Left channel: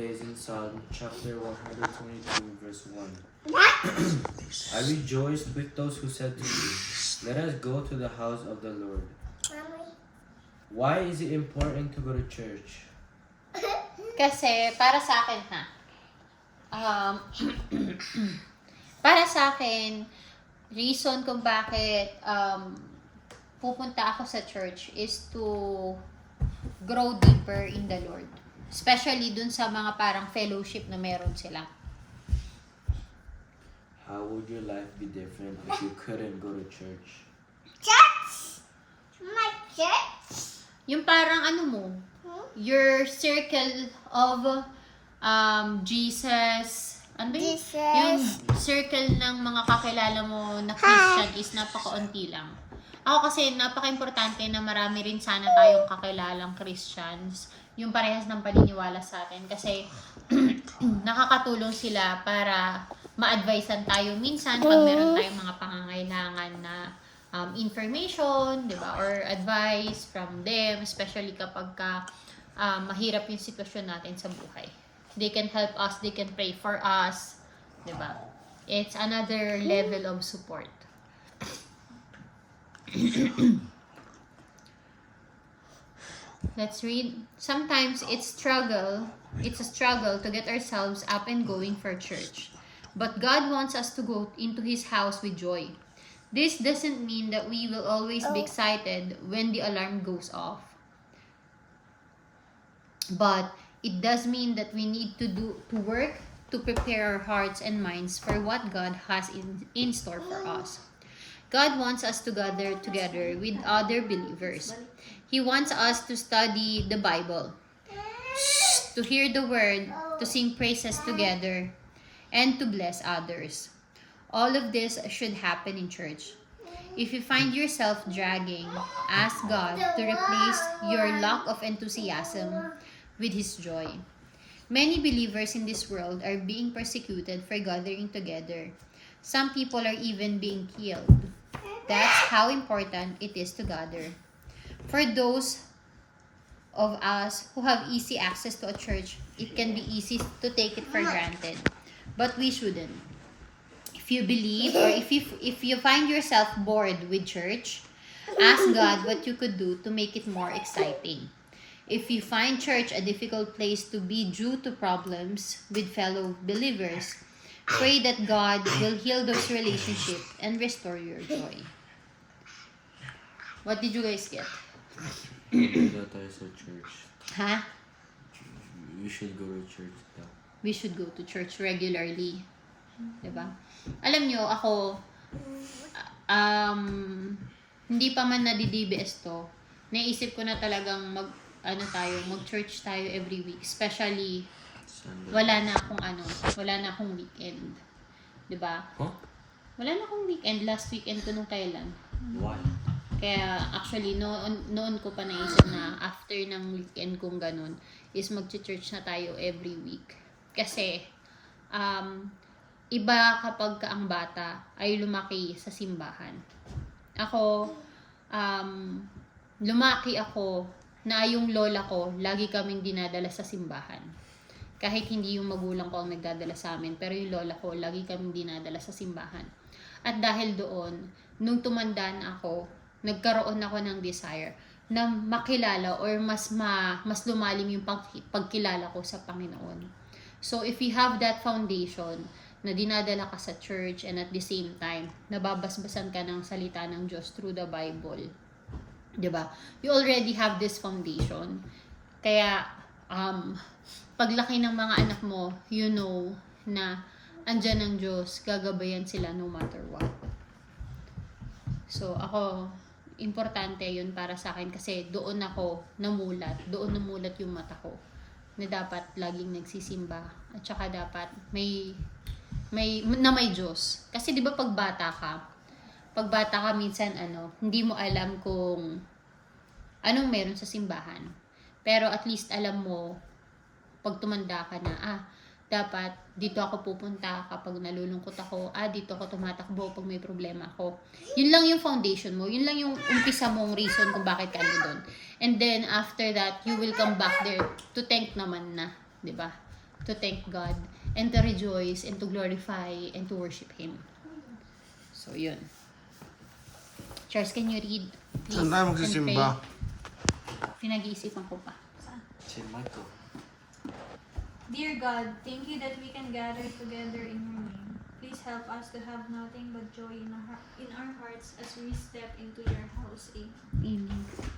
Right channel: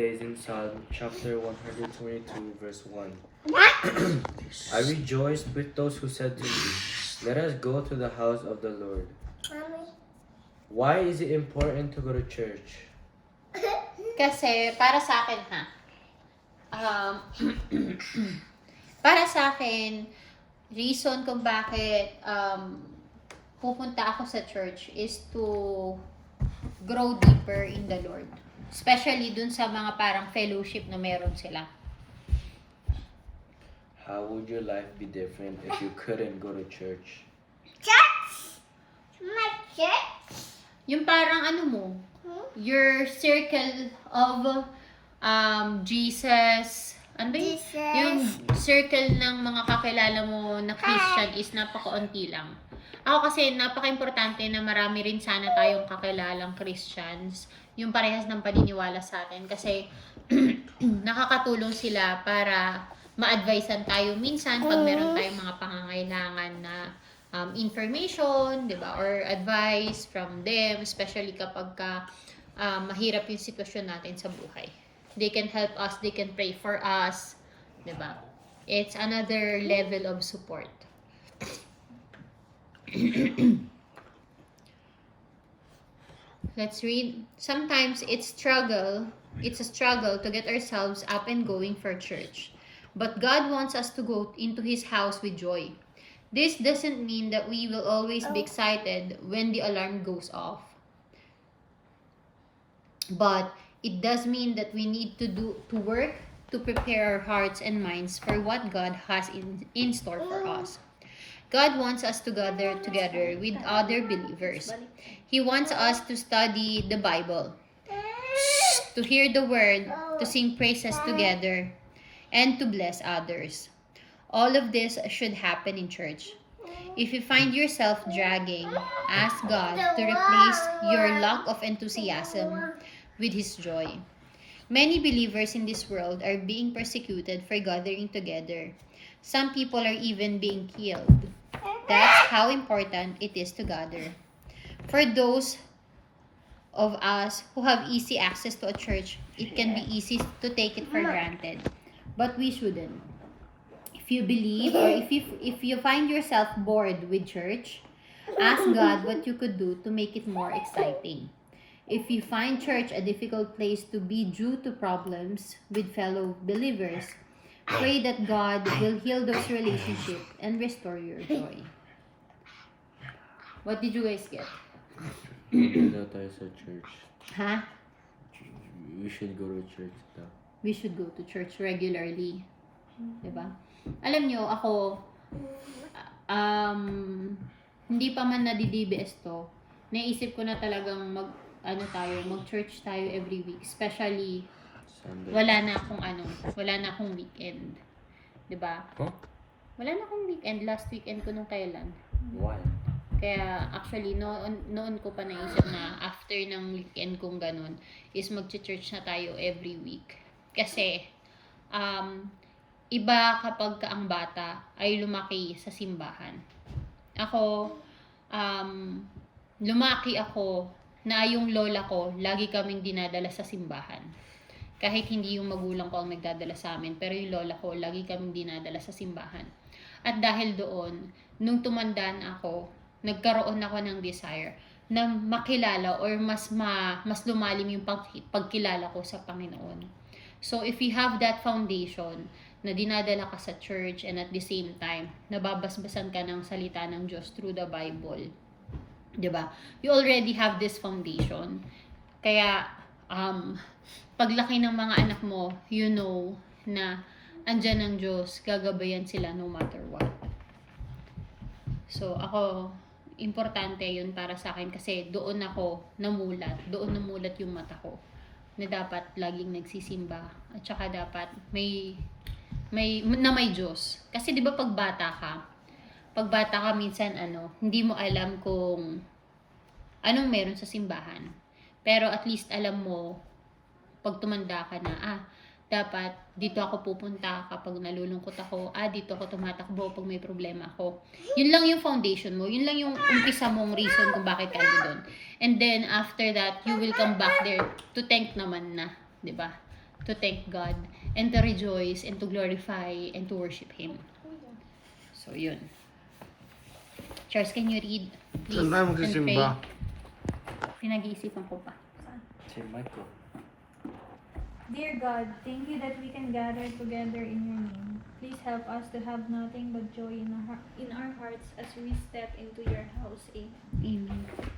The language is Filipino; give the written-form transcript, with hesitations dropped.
Is in Psalm chapter 122, verse 1. I rejoiced with those who said to me, "Let us go to the house of the Lord." Why is it important to go to church? Kasi, para sa akin para sa akin, reason kung bakit pupunta ako sa church is to grow deeper in the Lord. Especially dun sa mga parang fellowship na meron sila. How would your life be different if you couldn't go to church? Church? My church? Yung parang your circle of Jesus. Ano ba yun? Jesus. Yung circle ng mga kakilala mo na Christian is napakaunti lang. Ako kasi napaka-importante na marami rin sana tayong kakilalang Christians. Yung parehas ng paniniwala sa atin. Kasi nakakatulong sila para ma-advisean tayo minsan pag meron tayong mga pangangailangan na information, di ba? Or advice from them, especially kapag mahirap yung sitwasyon natin sa buhay. They can help us, they can pray for us, di ba? It's another level of support. Let's read. Sometimes it's a struggle to get ourselves up and going for church. But God wants us to go into His house with joy. This doesn't mean that we will always be excited when the alarm goes off. But it does mean that we need to work to prepare our hearts and minds for what God has in store for us. God wants us to gather together with other believers. He wants us to study the Bible, to hear the word, to sing praises together, and to bless others. All of this should happen in church. If you find yourself dragging, ask God to replace your lack of enthusiasm with His joy. Many believers in this world are being persecuted for gathering together. Some people are even being killed. That's how important it is to gather. For those of us who have easy access to a church, it can be easy to take it for granted. But we shouldn't. If you believe or if you find yourself bored with church, ask God what you could do to make it more exciting. If you find church a difficult place to be due to problems with fellow believers, pray that God will heal those relationships and restore your joy. What did you guys get? Daw tayo sa church. Ha? You should go to church daw. We should go to church regularly. Diba? Alam nyo, ako, hindi pa man nadi-DBS to, naisip ko na talagang mag-church tayo every week. Especially, Sunday. wala na akong weekend. Diba? Huh? Wala na akong weekend. Last weekend ko nung Thailand. Why? Kaya actually noon ko pa naisip na after ng weekend kong ganun is mag-church na tayo every week. Kasi iba kapag ang bata ay lumaki sa simbahan. Ako lumaki ako na yung lola ko lagi kaming dinadala sa simbahan. Kahit hindi yung magulang ko ang nagdadala sa amin, pero yung lola ko lagi kaming dinadala sa simbahan. At dahil doon, nung tumanda na ako, nagkaroon ako ng desire na makilala or mas lumalim yung pagkilala ko sa Panginoon. So if you have that foundation na dinadala ka sa church and at the same time nababasbasan ka ng salita ng Diyos through the Bible, 'di ba? You already have this foundation. Kaya paglaki ng mga anak mo, you know na andyan ang Diyos, gagabayan sila no matter what. So ako, importante yun para sa akin kasi doon namulat yung mata ko na dapat laging nagsisimba at saka dapat may Diyos. Kasi 'di ba pag bata ka minsan hindi mo alam kung anong meron sa simbahan. Pero at least alam mo pag tumanda ka na, dapat dito ako pupunta kapag nalulungkot ako, dito ako tumatakbo pag may problema ako. Yun lang yung foundation mo, yun lang yung umpisa mong reason kung bakit ka doon. And then after that, you will come back there to thank naman na, 'di ba? to thank God and to rejoice and to glorify and to worship Him. So, yun. Charles, can you read? Please, Saan tayo and magsisimba? pray? Pinag-iisipan ko pa. Say Michael. Dear God, thank you that we can gather together in your name. Please help us to have nothing but joy in our hearts as we step into your house. Amen. Amen.